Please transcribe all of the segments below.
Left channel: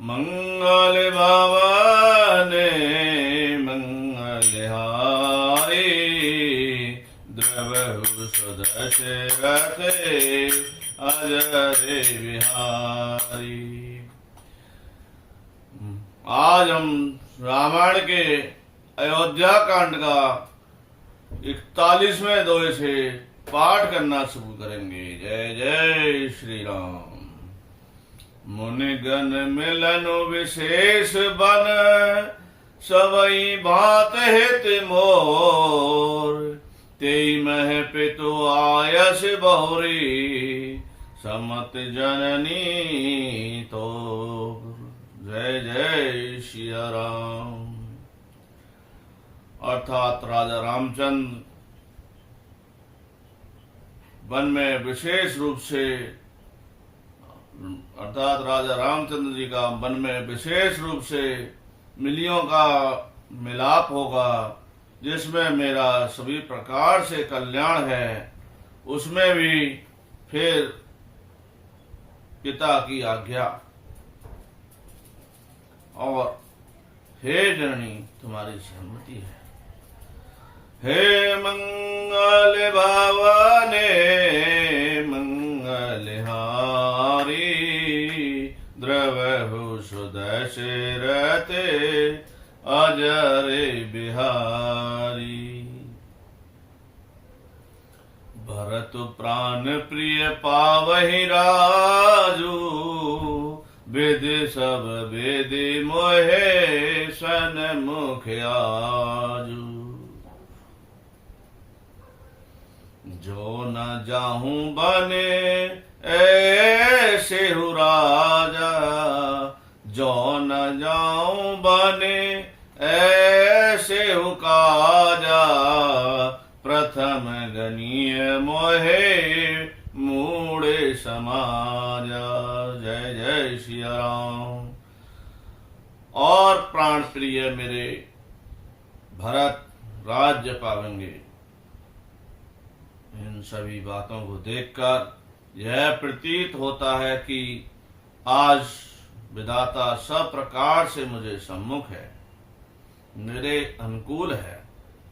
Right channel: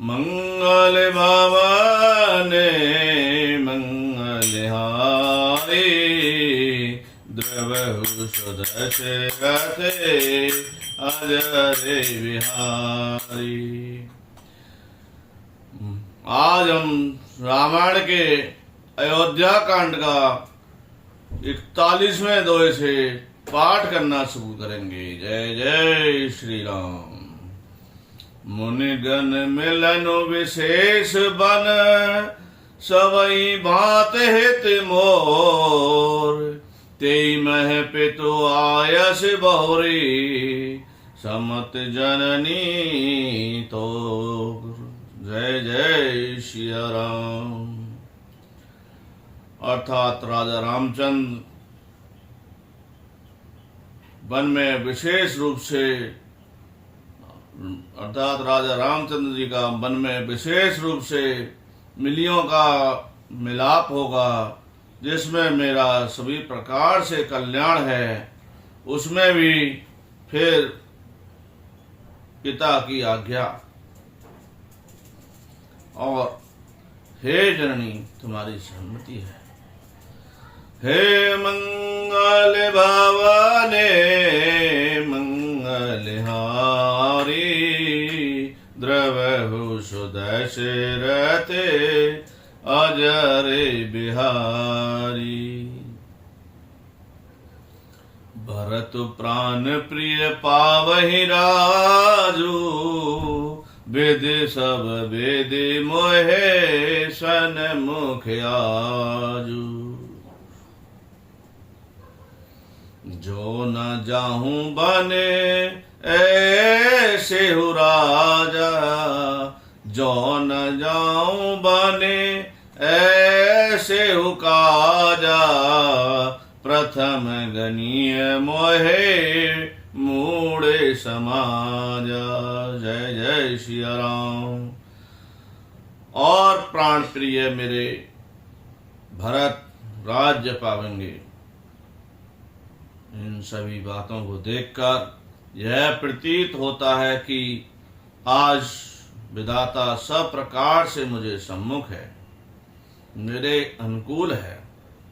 मंगल भवाने मंगलहारी द्रवहु सुदशरथे अजरे बिहारी। आज हम रामायण के अयोध्या कांड का 41वें दोहे से पाठ करना शुरू करेंगे। जय जय श्री राम। मुनिगण मिलन विशेष बन सबई भात हित मोर तेई मह पितु आयस बहुरी समत जननी तो। जय जय श्री राम। अर्थात राजा रामचंद्र वन में विशेष रूप से राजा रामचंद्र जी का वन में विशेष रूप से मिलियों का मिलाप होगा, जिसमें मेरा सभी प्रकार से कल्याण है। उसमें भी फिर पिता की आज्ञा और हे जननी तुम्हारी सहमति है। हे मंगल भवाने मंगलहारी द्रवहु सुदशरथे अजरे बिहारी। भरत प्राण प्रिय पावहि राजू वेद सब वेद मोहे सन्मुख आजू। जो न जाहूं बने ऐसे हु राजा जो न जाऊं बने ऐसे हु काजा प्रथम गनीय मोहे मूढ़े समाजा। जय जय श्री राम। और प्राण प्रिय मेरे भरत राज्य पावेंगे। इन सभी बातों को देखकर यह प्रतीत होता है कि आज विधाता सब प्रकार से मुझे सम्मुख है, मेरे अनुकूल है,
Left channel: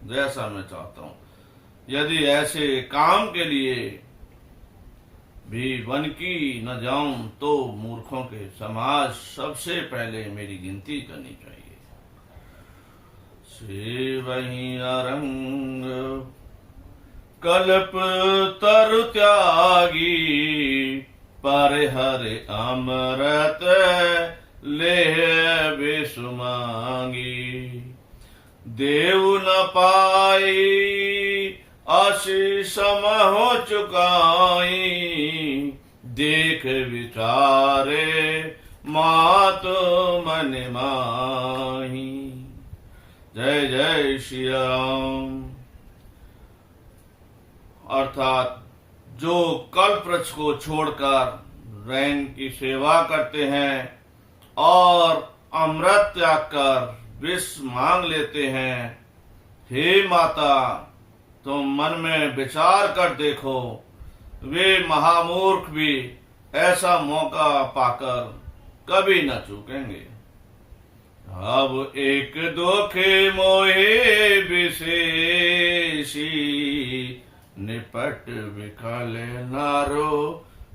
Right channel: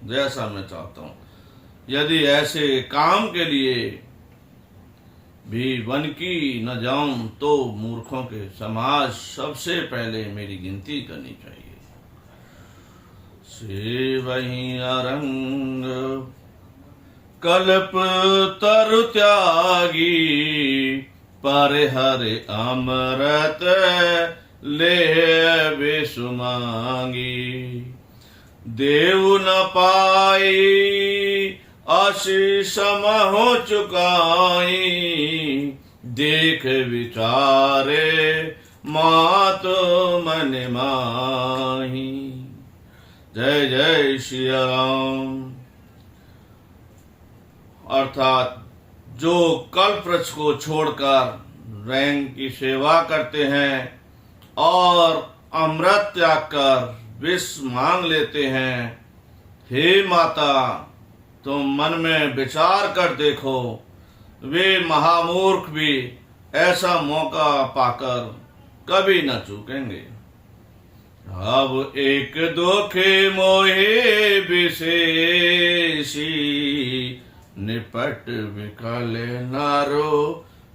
जैसा मैं चाहता हूं। यदि ऐसे काम के लिए भी वन की न जाऊं तो मूर्खों के समाज सबसे पहले मेरी गिनती करनी चाहिए। से वही अरंग कल्प तरु त्यागी परिहर अमृत ले बेसुमांगी। देव न पाई आशीष समहो चुकाई देख विचारे मातो मन माही। जय जय श्री राम। अर्थात जो कल्प वृक्ष को छोड़कर रैन की सेवा करते हैं और अमृत त्याग कर विष मांग लेते हैं, हे माता तुम मन में विचार कर देखो, वे महामूर्ख भी ऐसा मौका पाकर कभी न चूकेंगे। अब एक दुखे मोहे विशेषी निपट विकल नारो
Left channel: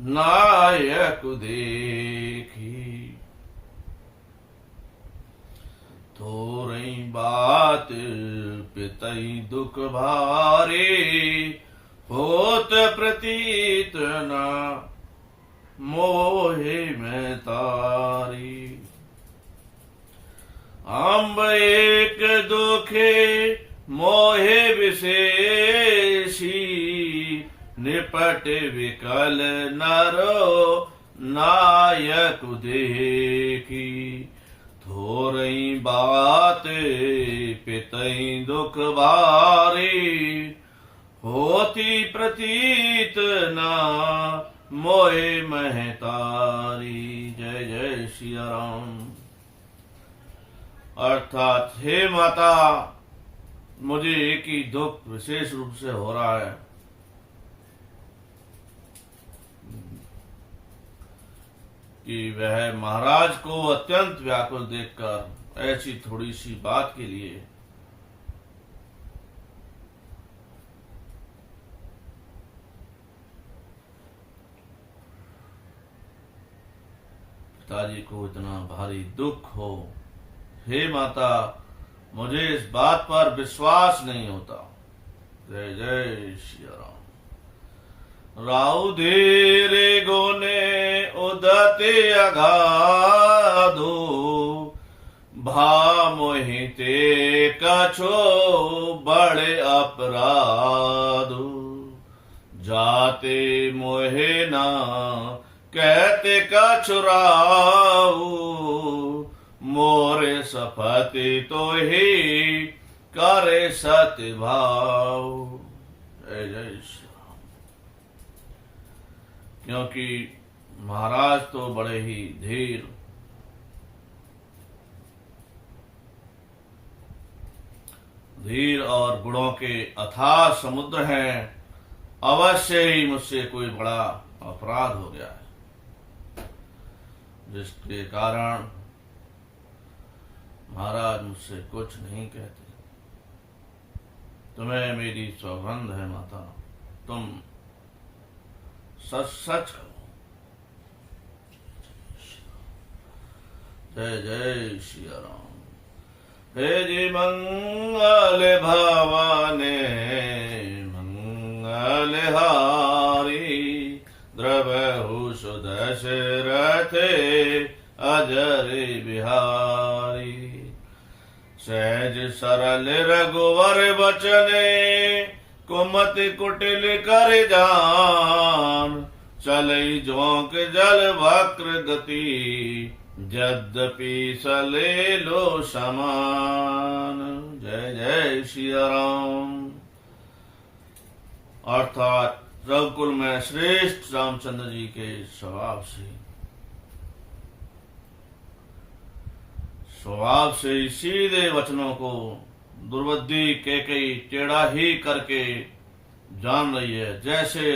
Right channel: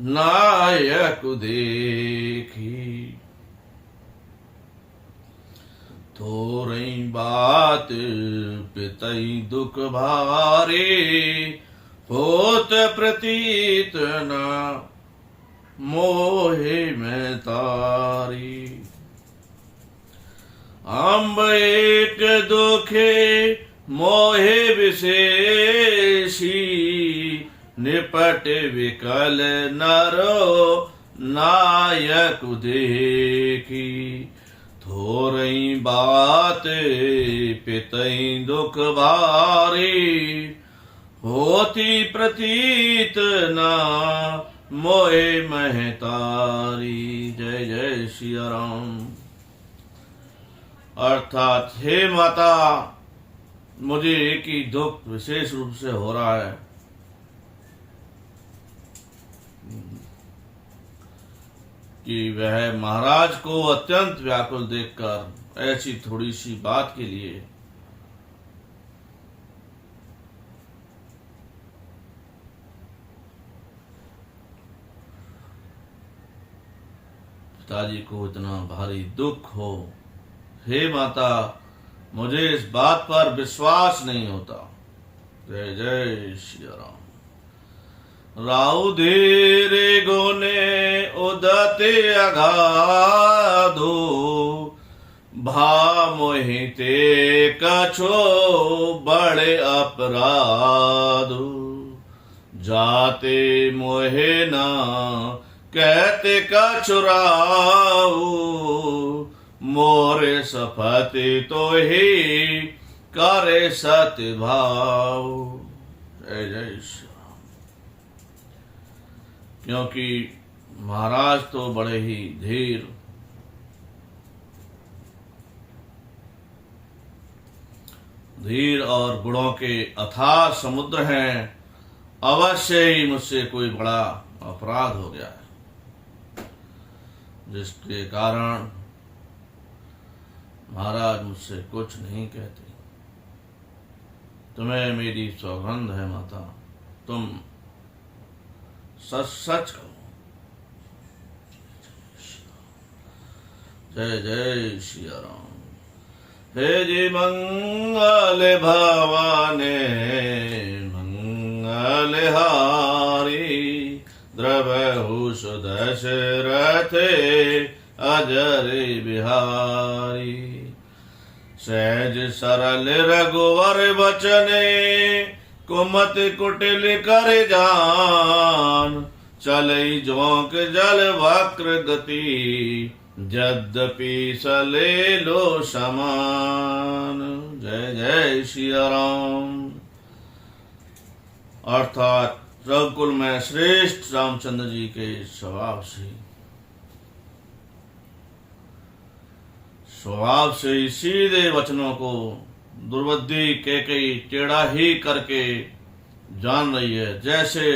नायक देखी। थोरई बात पितई दुख भारी होत प्रतीत न मोहे में तारी। अम्ब एक दुखे मोहे विशेषी निपट विकल नरो नायक देखी। थोरई बात पितई दुख भारी होती प्रतीत ना मोहे महतारी। जय जय श्री राम। अर्थात हे माता मुझे एक ही दुख विशेष रूप से हो रहा है। कि वह महाराज को अत्यंत व्याकुल देखकर ऐसी थोड़ी सी बात के लिए पिताजी को इतना भारी दुख हो। हे माता, मुझे इस बात पर विश्वास नहीं होता। जय जय श्री राम। राहु धीरे गोने उदते अगाधो, भा मोहिते कछो बड़े अपराधो, जाते मोहे ना कहते कछुराऊ, मोरे सफति तो ही करे सत्य भाव। जय जय श्री राम। क्योंकि महाराज तो बड़े ही धीर और गुणों के अथाह समुद्र हैं, अवश्य ही मुझसे कोई बड़ा अपराध हो गया है, जिसके कारण महाराज मुझसे कुछ नहीं कहते। तुम्हें मेरी सौगंध है माता, तुम सच सच कहो। जय जय श्री राम। हे जी मंगल भवाने मंगल हारी, द्रवहु सुदशरथे अजर बिहारी, सहज सरल रघुवर बचने, कुमति कुटिल कर जान, चलई जोंक जल वक्र गति, यद्यपि सले लो समान। जय जय श्री राम। अर्थात रघुकुल में श्रेष्ठ रामचंद्र जी के स्वभाव से सीधे वचनों को दुर्बुद्धि कैकेयी टेढ़ा ही करके जान रही है। जैसे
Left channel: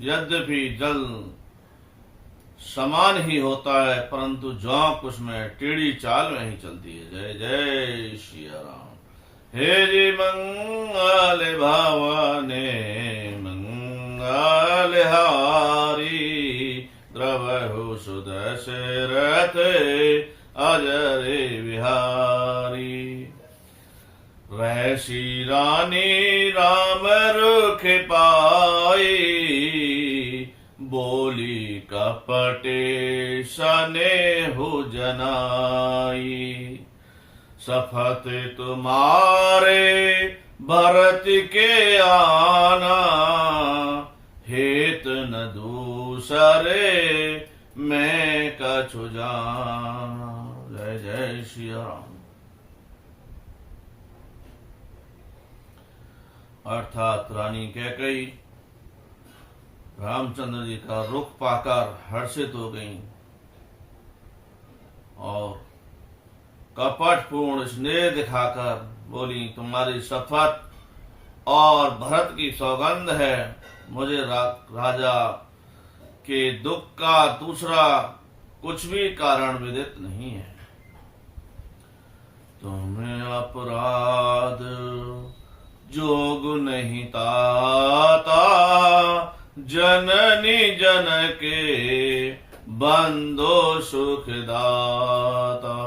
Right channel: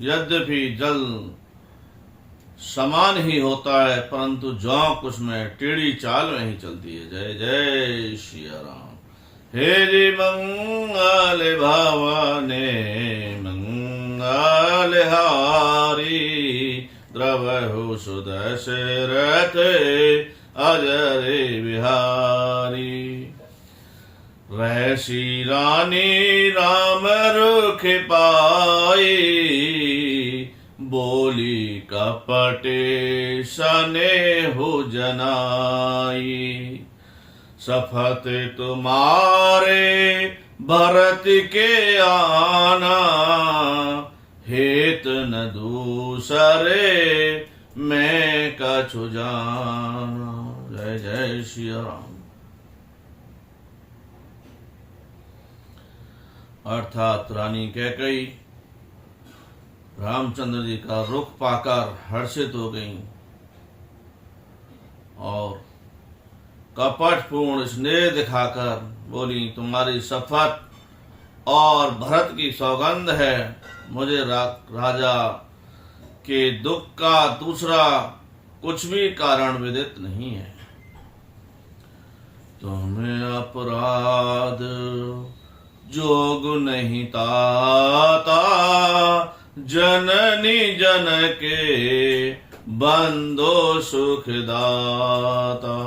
यद्यपि जल समान ही होता है, परंतु जोंक उसमें टेढ़ी चाल में ही चलती है। जय जय श्री राम। हे जी मंगल भवाने मंगल हारी, द्रवहु सुदशरथ अजर बिहारी, वैसी रानी राम रुख पाई, बोली कपटे स्नेहु जनाई, सफत तुम्हारे भरत के आना, हेत न दूसरे मैं कछु जाना। जय जय श्री राम। अर्थात रानी कैकेयी रामचंद्र जी का रुख पाकर हर्षित हो गईं और कपटपूर्ण स्नेह दिखाकर बोली, तुम्हारी शपथ और भरत की सौगंध है, मुझे राजा के दुख का दूसरा कुछ भी कारण विदित नहीं है। तुम्हें अपराध जोग नहीं ताता, जननी जन के बंदो सुखदाता,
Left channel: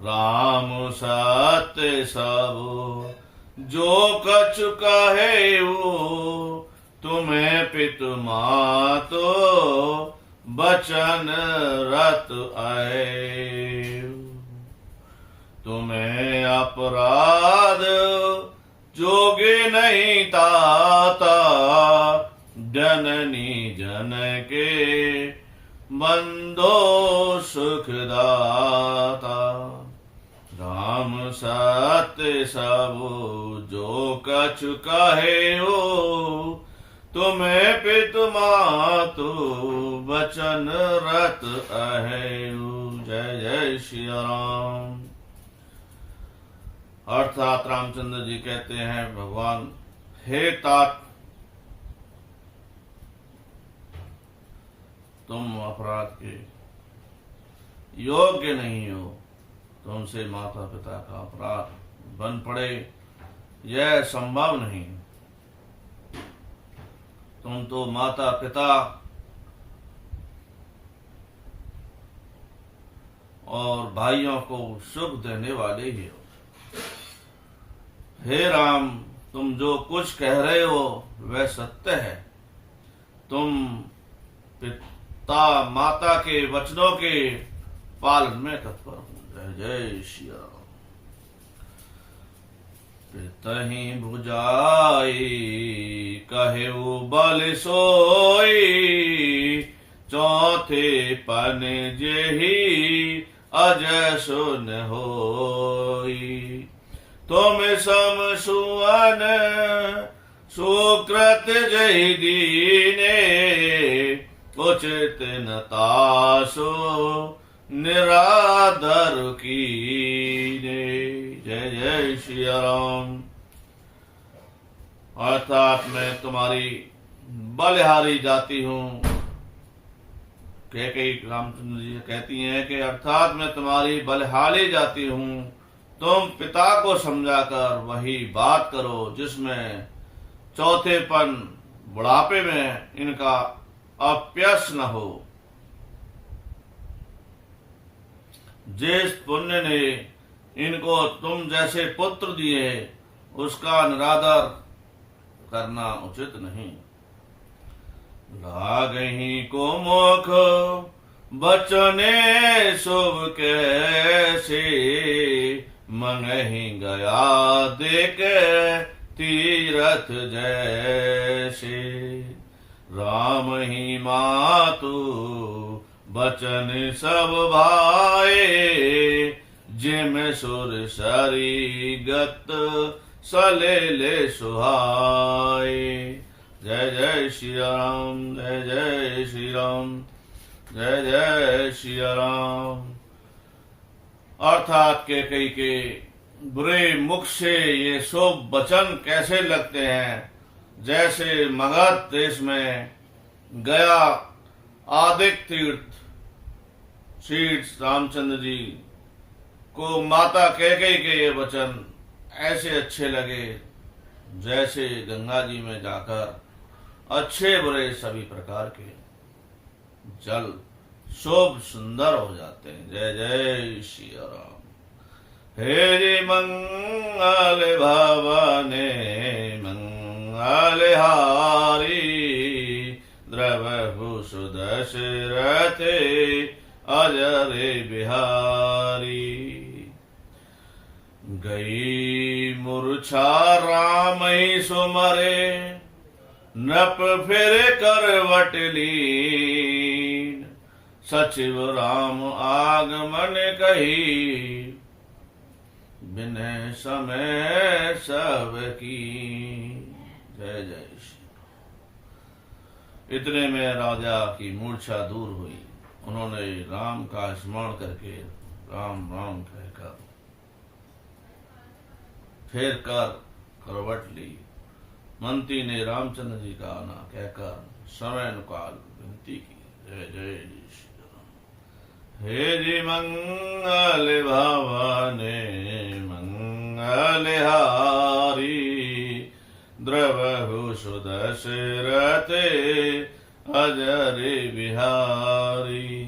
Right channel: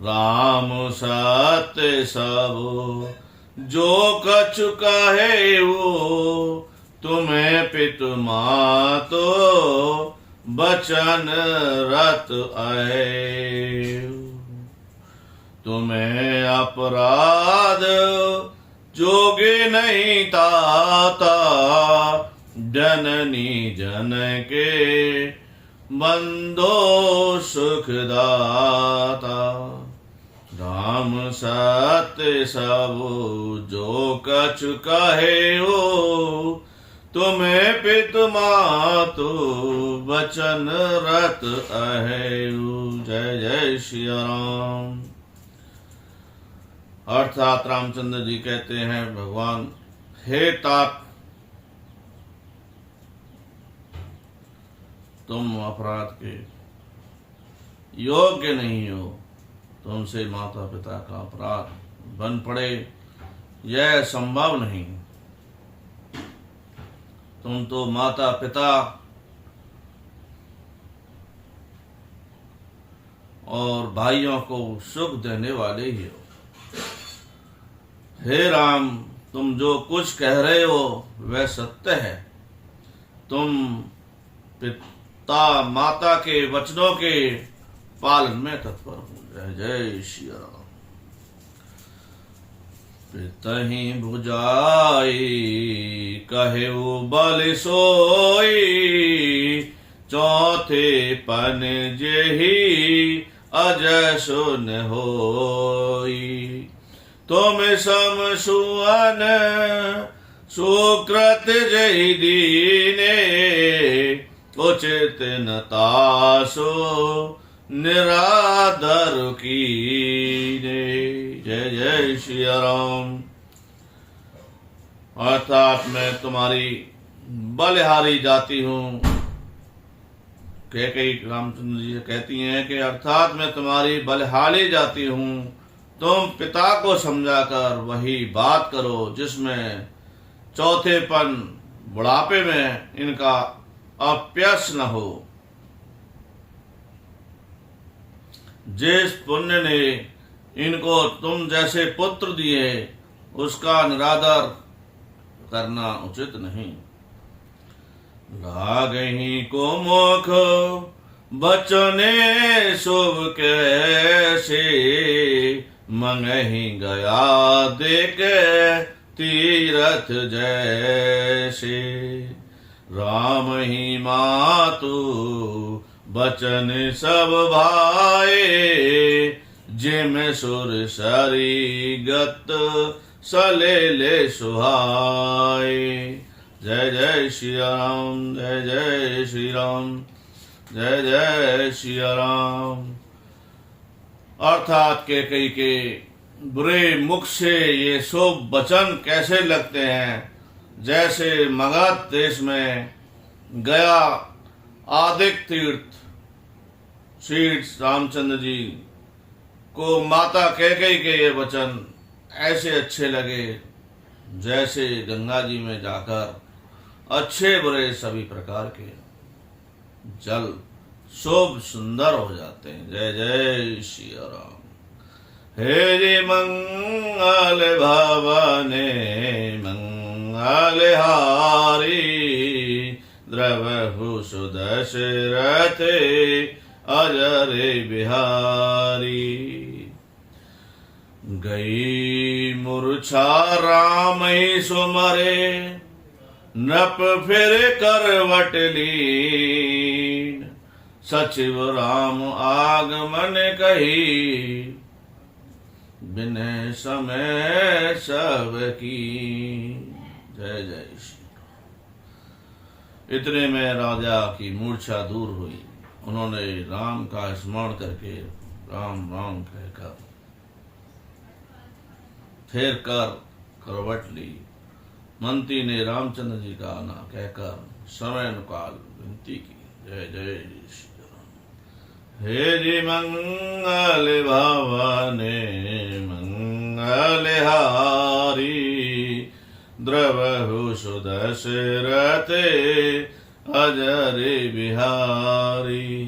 राम सत्य सब जो कछु कहे वो, तुम्हें पितु मातो बचन रत आए, तुम्हें अपराध जोगे नहीं ताता, जननी जन के बंदो सुखदाता, राम सत्य सब जो कछु कहे हो, तुम्हें पितु मातु बचन रत अहेउ। जय जय श्री राम। अर्थात रामचंद्र जी कहते हैं, भगवान हे तात, तुम अपराध के योग्य नहीं हो, तुमसे माता पिता का अपराध बन पड़े, यह संभव नहीं। तुम तो माता पिता और भाइयों को सुख देने वाले ही हो। हे राम, तुम जो कुछ कह रहे हो वह सत्य है। तुम पिता माता के वचनों के पालन में तत्पर हो। जय जय श्री राम। पितहि बुझाई कहेउ बल सोई, चौथे पन जेहि अजय सुन होई। तुम सम सुअन सुकृत जहि दीने, उचित न तासो निरादर कीने। जय जय श्री राम। अर्थात मैं तुम्हारी बलिहारी जाति हूँ। कैकेयी रामचंद्र जी कहती हैं कि अर्थात मैं तुम्हारी बलिहारी जाति हूँ। तुम पिता को समझाकर वही बात करो जिसमें चौथेपन बुढ़ापे में इनका अपयश न हो। जिस पुण्य ने इनको तुम जैसे पुत्र दिए उसका निरादर करना उचित नहीं। लागहि को मुख बचने शुभ कैसे, मंगहि गया देख तीरथ जैसे। राम ही मातु बचन सब भाए, जिम सुर सरी गत सलेले सुहाए। जय जय श्री राम, जय जय श्री राम, जय जय श्री राम। अर्थात कैकेयी के बुरे मुख से ये शुभ वचन कैसे लगते हैं, जैसे मगध देश में गया आदिक तीर्थ श्री रामचंद्र जी को माता कैकेयी के ये वचन ऐसे अच्छे लगे जैसे गंगा जी में जाकर अच्छे बुरे सभी प्रकार के जल शोभ सुंदर हो जाते हैं। जय जय श्री राम। हे मंगल भवने मंगल हारी, द्रवहु सुदशरथ अजर बिहारी। गई मूर्छा राम ही सुमरे, नृप फिर करवट लीन। सचिव राम आगमन कही, बिनय समय सब की। जय जय श्री। इतने में राजा की मूर्छा दूर हुई। उन्होंने राम का स्मरण करके राम राम कहकर फेर कर करवट ली। मंत्री ने रामचंद्र जी का आना कहकर समय अनुकाल विनती की। जय जय श्री राम। हे जी मंगल भवने मंगल हारी, द्रवहु सुदशरथ अजर बिहारी।